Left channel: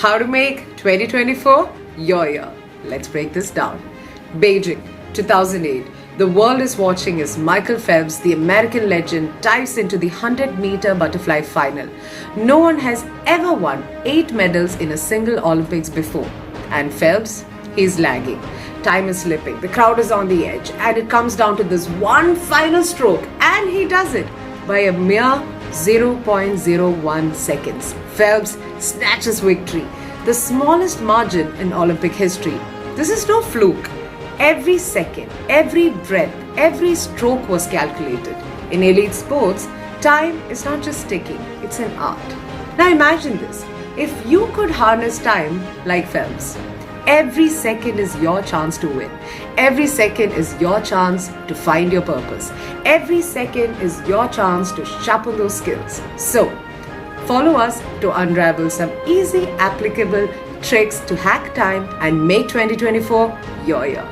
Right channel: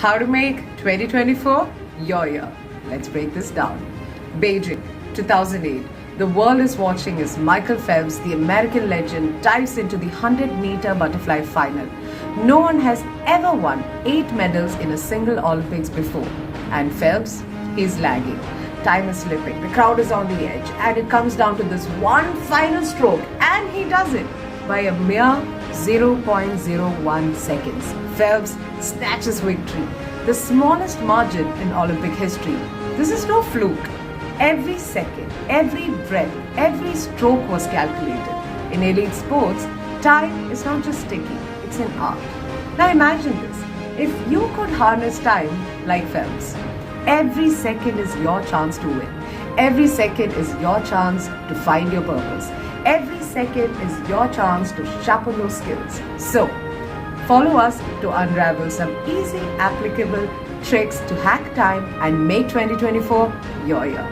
How to make 2024 your year. Let's break this down. Beijing, 2008. The world is watching as Michael Phelps, the American legend, dives into the 100-meter butterfly final. No one has ever won 8 medals in a single Olympics before. And Phelps, he's lagging. Time is slipping, the crowd is on the edge, and it comes down to this one final stroke, and he does it by a mere 0.01 seconds. Phelps snatches victory, the smallest margin in Olympic history. This is no fluke. Every second, every breath, every stroke was calculated. In elite sports, time is not just ticking, it's an art. Now imagine this. If you could harness time like Phelps, every second is your chance to win. Every second is your chance to find your purpose. Every second is your chance to sharpen those skills. So, follow us to unravel some easy, applicable tricks to hack time and make 2024 your year.